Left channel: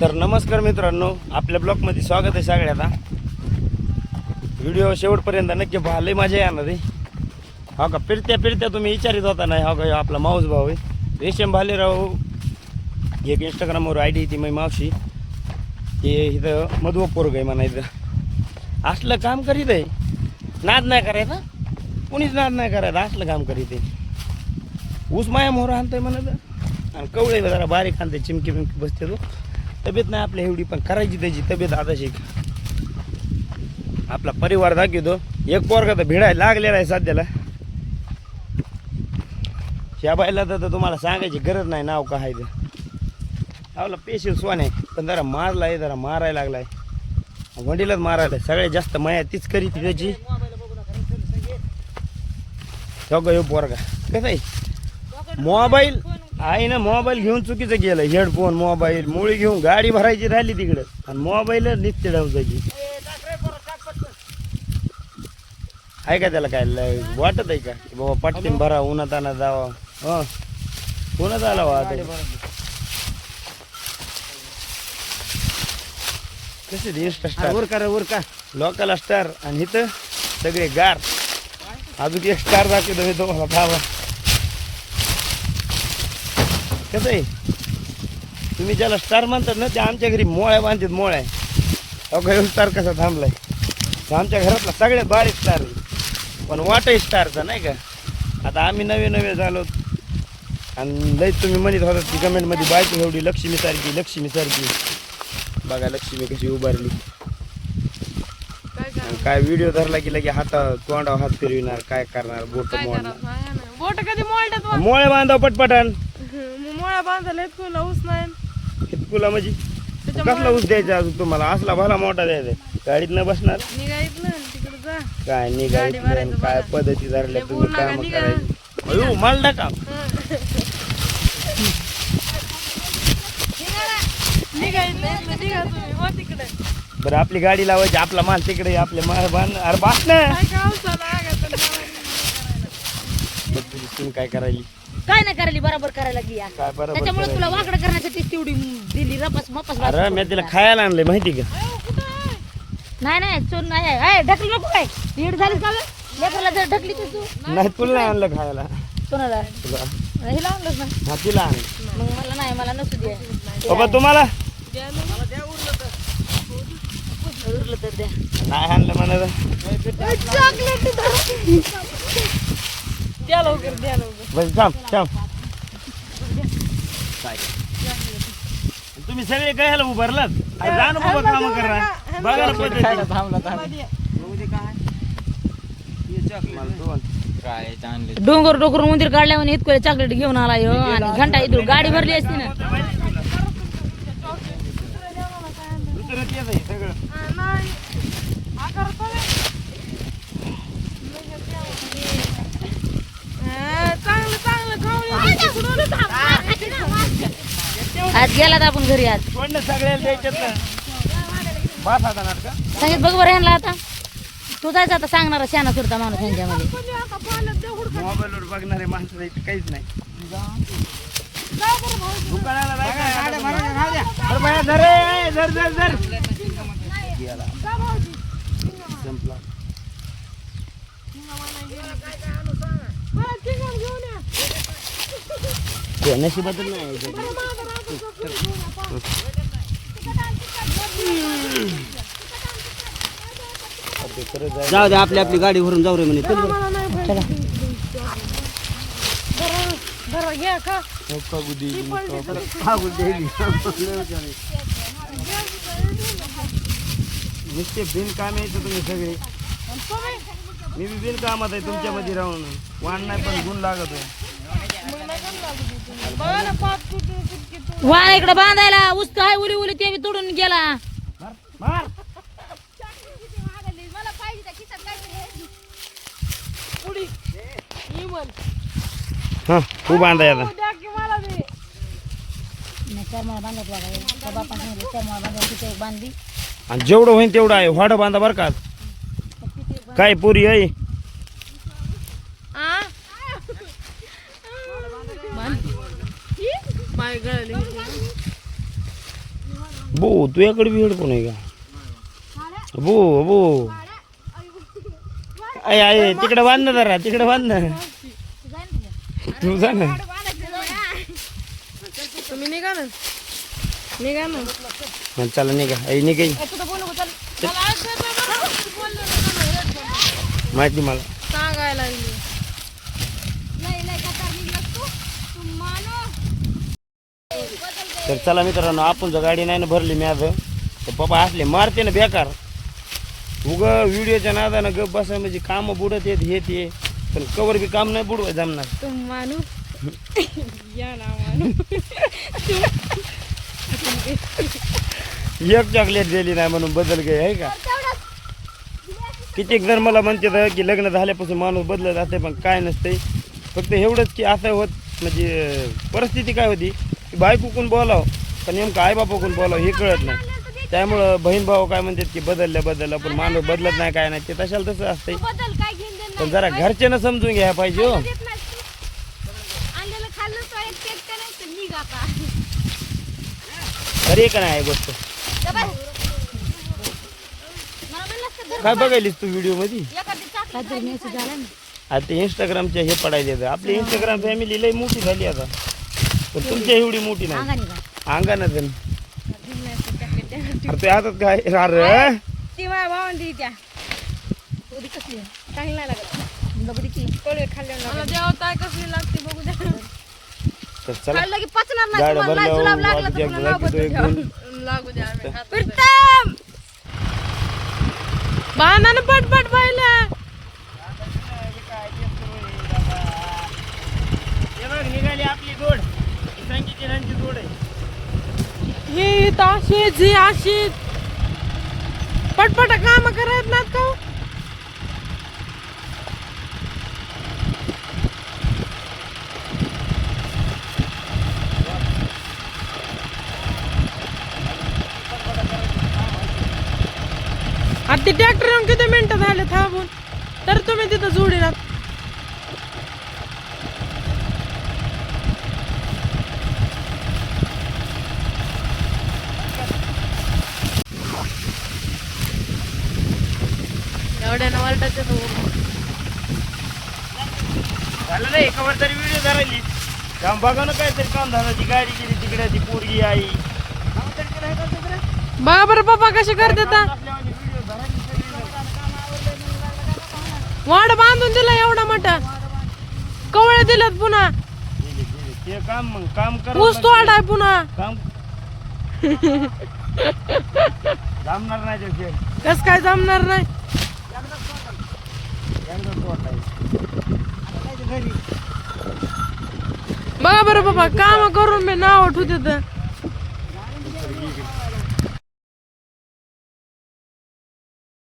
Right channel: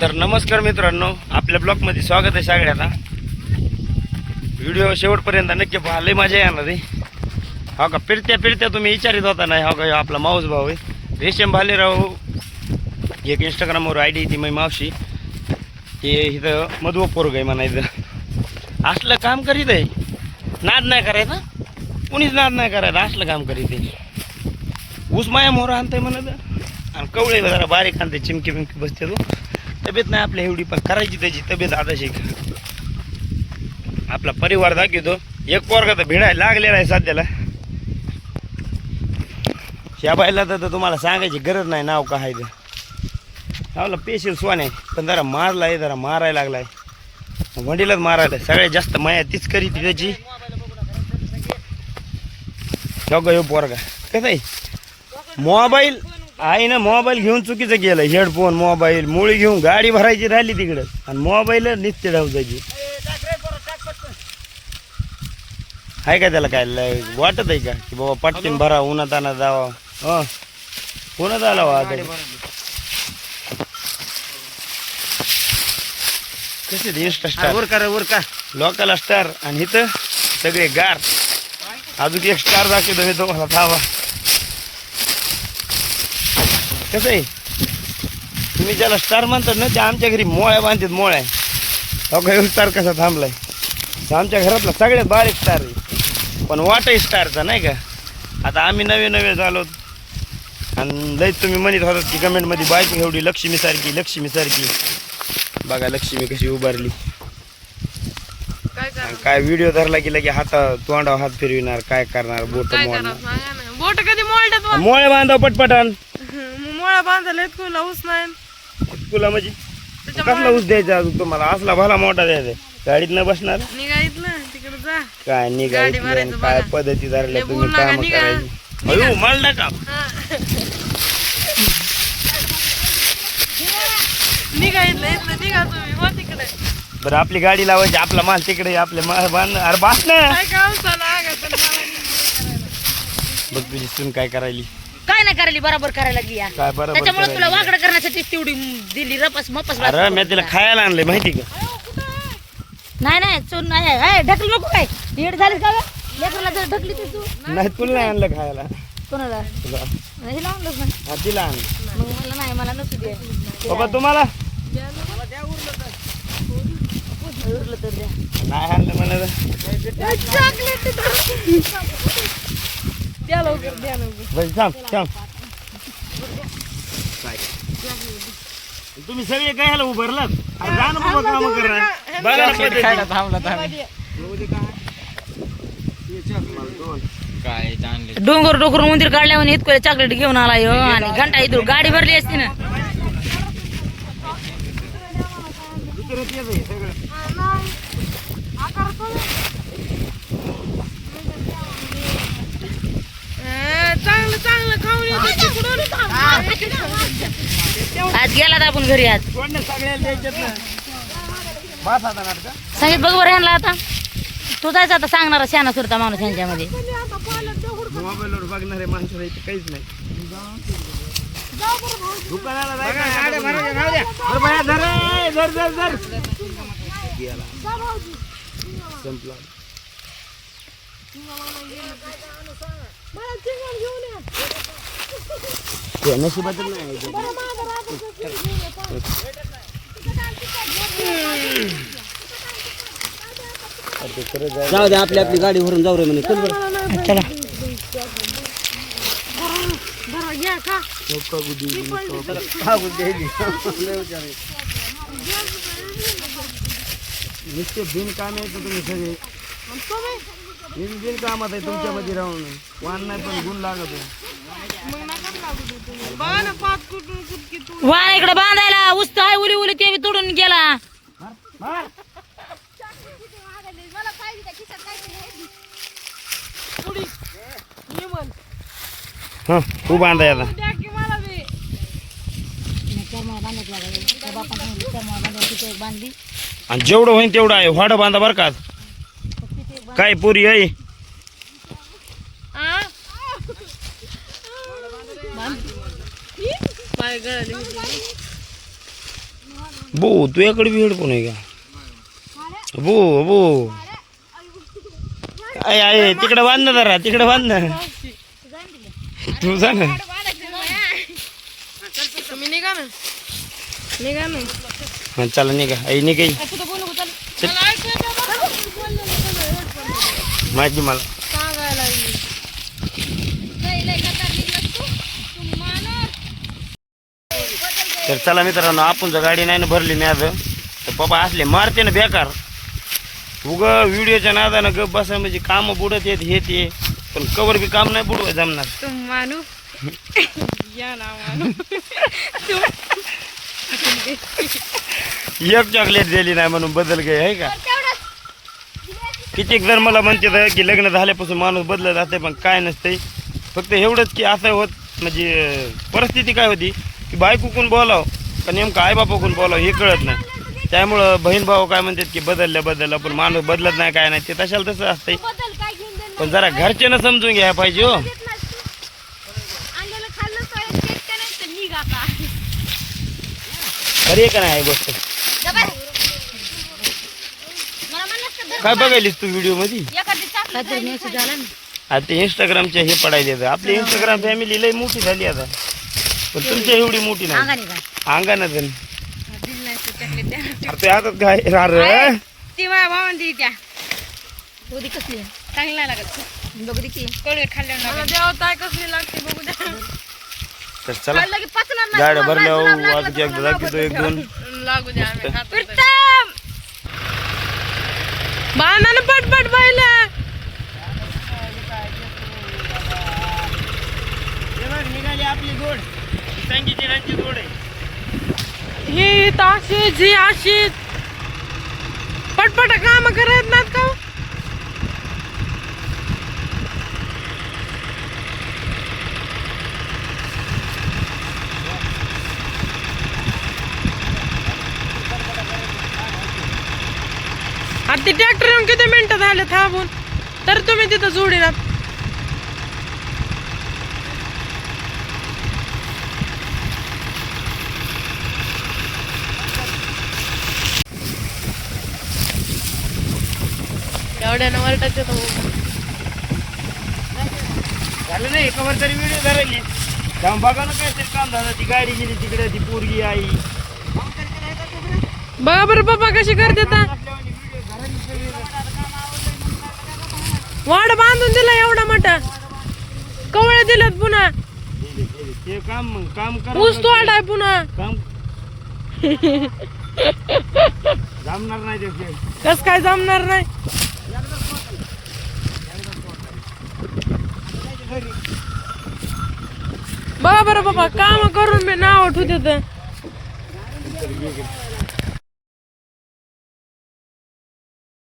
तर नमस्कार मित्रांनो, आपल्या ब्लॉगमध्ये स्वागत आहे सगळ्यांना. व्हिडिओ शेवटपर्यंत नक्की पहा, लय मजा येणार आहे. हो का, फिरत्या तुम्ही विचारित होता नाही. हो का, आपला माऊस भाऊ आहे रेशम भालेराव. एक इंस्टाग्रामवर आय डी ती मै मावशी, ते इथं मधुव पोरग आहे म्हणायचं. असलं काम करीत आहे, नाद नाही करायचा, कुणीच नाद नाही करायचा. असलं काम करीत आहे. ऊस माया मोहर आणतंय म्हणत, आणि कवळे जरा बारीक आणते, चिमकी बिमकी बसते. तो तब्येत नाही आपल्या एवढी, पण करायची त्याची तब्येत आता शिक. आपला परिवार दाखवतो. एक पोरगा तर भिडायला लागलेला आहे सध्याला. ह्या बायला तर तुम्हाला सांगायची गरज नाही नाव काय ते. आपला पेशील स्वान आहे, पण जरा मारलाय, जरा मारायला लागलाय, वंडीलाच मारायला. सगळ्यात जास्त माया तीच करी ती त्याची. हो पोरगा कसं आहे, मोबाईल आहे ना, मोबाईल घेऊन चुकीचं गेलं. हेडफोन मोबाईल मुळी घेऊन गाडी भरायची राहिली तिकडं, आणि मोबाईल नित्य डावजायची. आहे का त्याला काय वाटत आहे का की बाबा पटकन भरा, उन्हात आणा जावा. हा, उन्हात आला कसे इंस्टा स्टार वर का लोकल स्टार, आणि इथं सगळे गार. अजून एक स्टार दाखवतो मी तुम्हाला, थांबा. कसं आहे, तुम्ही ज्याला स्टार म्हणतात ना, ते आमच्या घरी मोळ्या बांधतात, मोळ्या. अगं स्टार कसा थांबलाय. आमच्या घरातला सगळ्यात बारीक स्टार आहे, पण वाटही स्टारचा नाही का. आता आम्ही नवे झालो, आणि लई तुम्ही म्हणत होतात की कमेंटमध्ये, बायको एवढी लक्ष्मीसारखी. बघा लक्ष्मी कशी उभारली. काय व्हिडिओ धरला की लगे तोंडावर हात फिरविणार, काय करणार. बोट कधी मोळ्या बांधा पटपटान. मोळा बांधायला तुला ऊस नाही तुला म्हणजे कसला ऊस द्यायचा अजून तुम्हाला? असला भला मोठा द्यायचा. गाडीत न बसणार, निघायत ना तिकडे जा. काय निघायचं, काय पद्धती धरल्या तुम्ही काम करायची. अयो माल टाका. निघायचं निघा तुम्ही हो तिकडे. बरं, आपली गाडी लावायची, आपला माल तिकडे, आपले माल बांध. अरे बास ना, बघ तुझी सून काय करायली. काय नाही करायली, बरोबर करायला लागली या. काय बरोबर त्याच्यामुळे तुला वाकडं करण्यासाठी तेवढी दिली रपस मपस. अरे मी तिला खायला आणलंय माहिती का. नाही चून नाही ढकली नको. काय नीट झाली का लेकराला जर ढकली तर तू नाही, तुला नाही आणलं खायला. कोणाला? तुला हिला आणलंच ना. हा, तिला आण. मग मला नाही, मला नसू दे. बाबा तुम्हाला उरलं तर द्या. नाही आणलं मला. चॉकलेट द्या लवकर, द्या लवकर. बस थांब. तुम्ही सगळे काय ह्याला उभारलात? जा ना बाबा, काम करा. डोंगर मंदिर काढल्यावर इतकं चॉकलेट घेऊन आला ह्यो, आणि घंटा इथून गाडी भरली असती ना. आज गेला आपण घरी. आज सांगित बघ बरं ह्यांना. आता तू जायचं, आता सांगणार शाना सुरता माणूस ह्यांच्यामध्ये. मोबाईलवर बघणारे माणसं काहीच नाही. नशिबातच नाही. जाऊ दे, आपली गाडी भरून जाऊ रे म्हणे. चला नुसते बिनकाम यायचं तुम्ही सगळे. मी बिनकामात आहे तुमच्यामध्ये राहून. वाण नाही पण गुण लागत आहे. वाण इकडे बांधायला उस्त आहे, उली ते बी तोडून गेला. हा, खूप बांधाय आता. आणि जेवढं होईल तेवढं आहे. वाड बांधा बरं का. काय पुरी आहे. पाय गळले बो तुझ्याकडे बी हेडफोन आहे का बो बो आहे आहे तिकडे बांध ना जरा तिकडे बांध ना तू जा ना तुम्ही निघा ना निघा ना हा चला निघा आई निघाई माहिती मला सांगायला लागली तर चला मित्रांनो आपण जर गाडी नाही ना भरली मॅज तर पप्पा असले मारते ना बेकार उग व्हिडिओच्या नादानं गप बसा म्हणजे काम बुडत येत हे ते पण कवर बी काम नाही बुडवाय जमणार तुम मानू या ना मानू एक चॉकलेट दिली नाही म्हणून बदल गे आहे का कितीक जर मला म्हणते की लग्न झाल्यापासून माणूस बदलत जाते पण काय नसते फक्त एवढंच की असं होत म्हणजे परिस्थिती काय होती की बायकोकून बोलाव का नेमकं आईबापाकून बोलाव हे कळत नाही त्यामुळं बहीण भाऊ काय म्हणतात की बदललं पण माणूस बदलत नाही काय नाही ते तशाला तसं असतंय पण जरा घरच्यानं समजून घ्यायला पाहिजे हो अरे का नाही गोष्ट काय बघायलीस तू व्हिडिओ मध्ये आता इंस्टाग्रामच्या हे पडायले आपली इंस्टाग्राम फॅमिली लई मोठी झाली आता पण तुमच्या एवढी मोठी नाही अंगानं जण ते हातात काय रे ती माझ्या भावंडी त्या होती कसली चांगली नाही लागत बघ की कोळी खाल्ल्यावर देवताय कसली लागते बघू द्या तर चला गाड्या भरल्या अगदी एकदा दाखवतो एक दोन लागू द्या बाणानं पटपट पाहिलं निघाली आपली गोड संगीची रंगी गोड आहे ही ताशी जी अशी पटपट काम करत नात का आता ट्रॅक्टर येऊन किती मिनिटं झाले थांबून तर तुम्ही तिथं जोडीनात एवढ्यानं वरटाचे झालं नाही कवर तरी व्हिडिओ धरायची काम बघा ना काहीतरी काम झालं ती गाडी गेली तिकडे ती पोरगी आई बघा बरं पप्पा कशी करते वाड बांधून दिला एवढा मोठा कवळे दिलेत पुन्हा ते काम मग काम कर ऊस तोडाय पुन्हा काम जमणार नाही ते कस काय जमणार नाही बघा बरं बाबा काम करून मी नाव ठेवते